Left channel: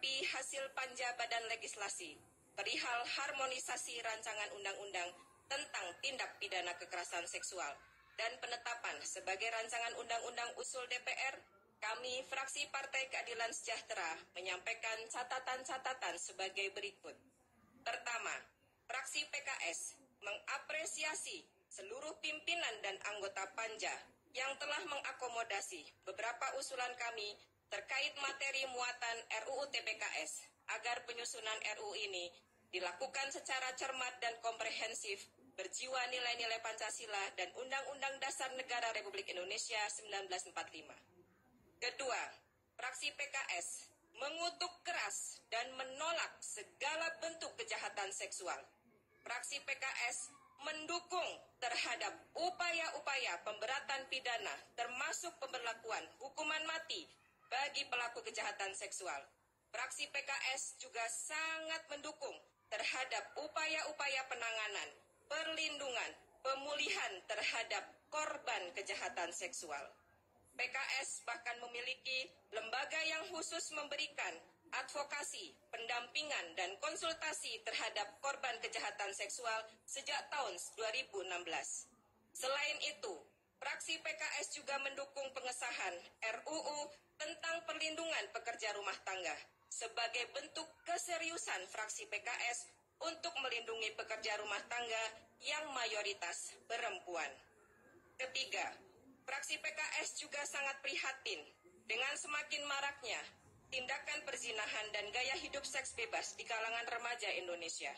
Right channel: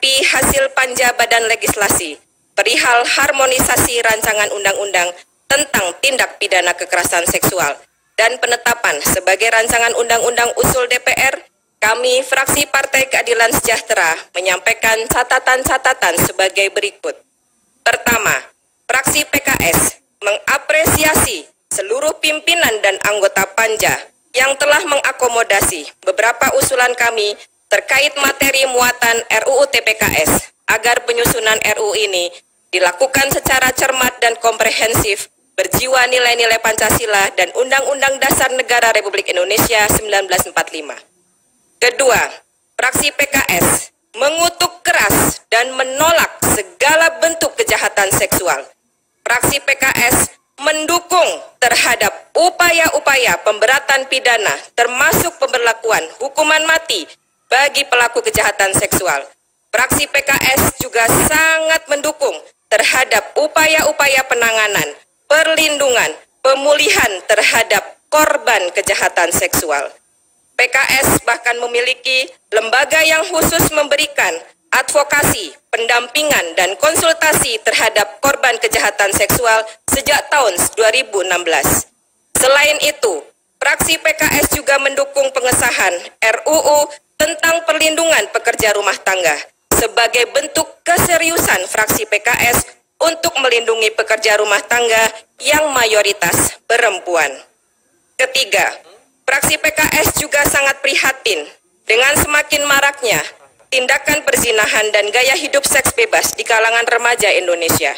menanggapi hasil panja Badan Legislasi perihal harmonisasi rancangan undang-undang tentang tindak pidana kekerasan seksual dan penetapan sebagai rancangan undang-undang usul DPR, kami fraksi Partai Keadilan Sejahtera menyampaikan catatan-catatan sebagai berikut. Pertama, fraksi PKS mengapresiasi seluruh pimpinan dan anggota panja yang telah mengakomodasi beberapa usulan kami terkait materi muatan RUU TPKS agar penyusunan RUU ini dilakukan secara cermat dan komprehensif, berjiwa nilai-nilai Pancasila dan Undang-Undang Dasar Negara Republik Indonesia 1945. Kedua, fraksi PKS mengutuk keras dan menolak segala bentuk kejahatan seksual. Fraksi PKS mendukung terhadap upaya-upaya pemberatan pidana termasuk pemberlakuan hukuman mati bagi pelaku kejahatan seksual. Fraksi PKS juga sangat mendukung terhadap upaya-upaya penanganan, perlindungan, pemulihan terhadap korban kejahatan seksual. PKS bahkan memiliki lembaga yang khusus memberikan advokasi, pendampingan, dan konsultasi terhadap korban kejahatan seksual sejak tahun 2016. Selain itu, fraksi PKS juga mendukung pengesahan RUU tentang perlindungan pekerja rumah tangga sebagai bentuk keseriusan fraksi PKS untuk melindungi pekerja rumah tangga yang mayoritas perempuan. Ketiga, fraksi PKS juga sangat prihatin dengan semakin maraknya tindakan perzinahan dan gaya hidup seks bebas di kalangan remaja Indonesia.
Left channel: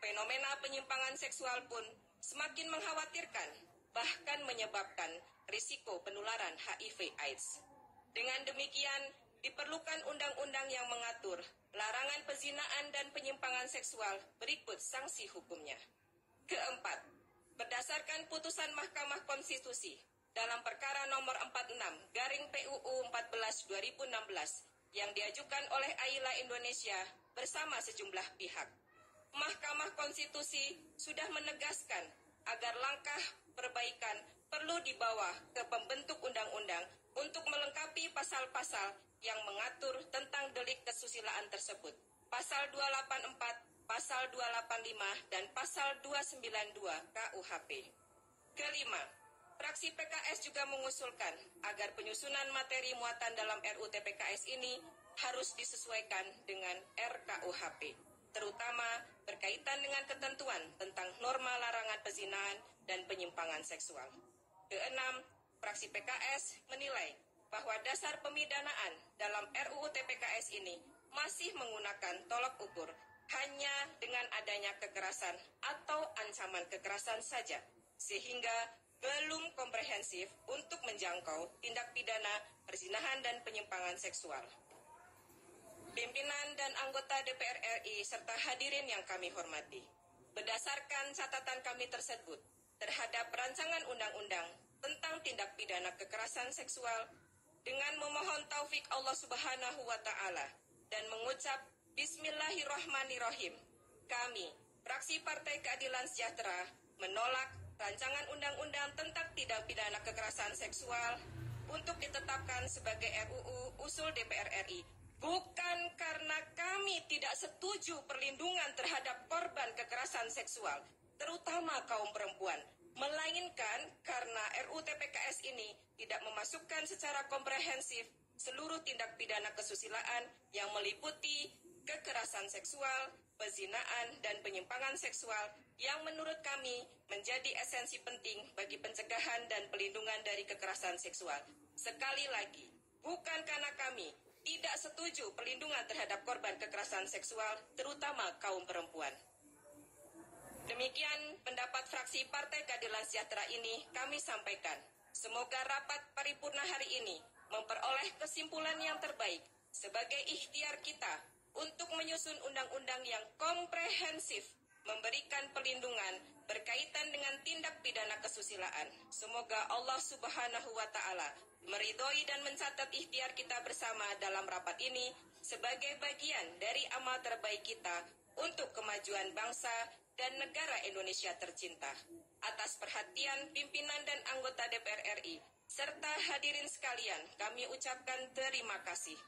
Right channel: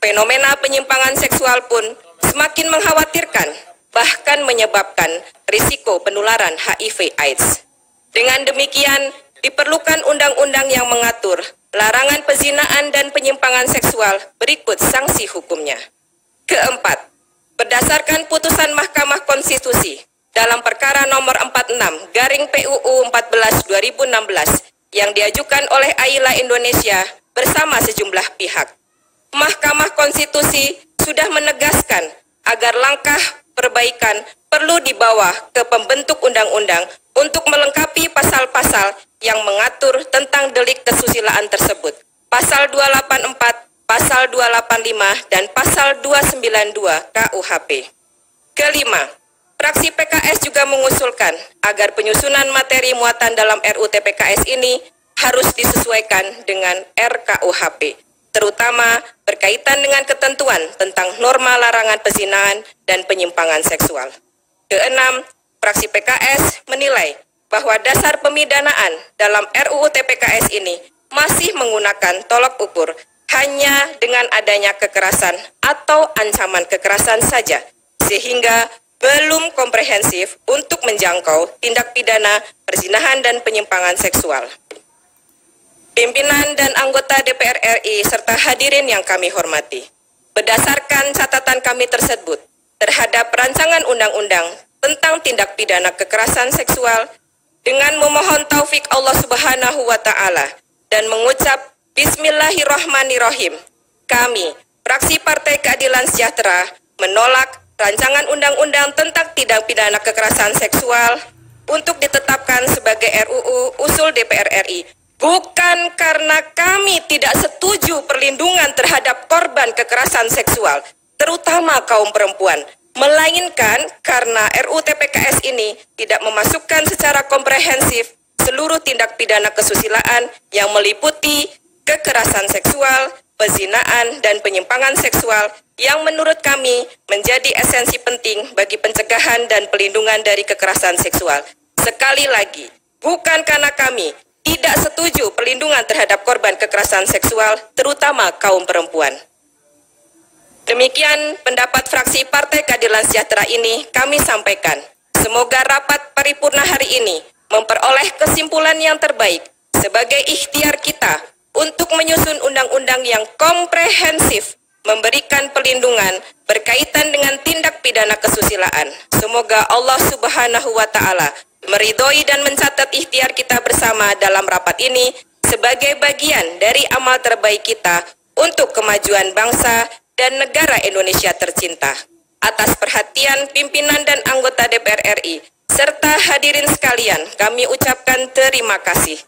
Fenomena penyimpangan seksual pun semakin mengkhawatirkan, bahkan menyebabkan risiko penularan HIV/AIDS. Dengan demikian, diperlukan undang-undang yang mengatur larangan pezinaan dan penyimpangan seksual berikut sanksi hukumnya. Keempat, berdasarkan putusan Mahkamah Konstitusi dalam perkara nomor 46/PUU 14/2016 yang diajukan oleh AILA Indonesia bersama sejumlah pihak, Mahkamah Konstitusi sudah menegaskan agar langkah perbaikan perlu dibawa ke pembentuk undang-undang untuk melengkapi pasal-pasal yang mengatur tentang delik kesusilaan tersebut. Pasal 284, Pasal 285, dan Pasal 292 KUHP. Kelima, fraksi PKS juga mengusulkan agar penyusunan materi muatan dalam RUU TPKS ini harus disesuaikan dengan RKUHP, terutama berkaitan dengan ketentuan tentang norma larangan perzinahan dan penyimpangan seksual. Keenam, fraksi PKS menilai bahwa dasar pemidanaan dalam RUU TPKS ini masih menggunakan tolok ukur hanya dengan adanya kekerasan atau ancaman kekerasan saja, sehingga belum komprehensif untuk menjangkau tindak pidana perzinahan dan penyimpangan seksual. Pimpinan dan anggota DPR RI serta hadirin yang kami hormati, berdasarkan catatan kami tersebut terhadap rancangan undang-undang tentang tindak pidana kekerasan seksual, dengan memohon taufik Allah Subhanahu wa Ta'ala dan mengucap Bismillahirrahmanirrahim, kami, fraksi Partai Keadilan Sejahtera, menolak rancangan undang-undang tentang tindak pidana kekerasan seksual untuk ditetapkan sebagai RUU usul DPR RI, bukan karena kami tidak setuju perlindungan terhadap korban kekerasan seksual, terutama kaum perempuan, melainkan karena RUU TPKS ini tidak memasukkan secara komprehensif seluruh tindak pidana kesusilaan yang meliputi kekerasan seksual, pezinaan, dan penyimpangan seksual yang menurut kami menjadi esensi penting bagi pencegahan dan pelindungan dari kekerasan seksual. Sekali lagi, bukan karena kami tidak setuju perlindungan terhadap korban kekerasan seksual, terutama kaum perempuan. Demikian pendapat fraksi Partai Keadilan Sejahtera ini kami sampaikan. Semoga rapat paripurna hari ini memperoleh kesimpulan yang terbaik sebagai ikhtiar kita untuk menyusun undang-undang yang komprehensif, memberikan perlindungan berkaitan dengan tindak pidana kesusilaan. Semoga Allah Subhanahu wa Ta'ala meridhoi dan mencatat ikhtiar kita bersama dalam rapat ini sebagai bagian dari amal terbaik kita untuk kemajuan bangsa dan negara Indonesia tercinta. Atas perhatian pimpinan dan anggota DPR RI serta hadirin sekalian, kami ucapkan terima kasih.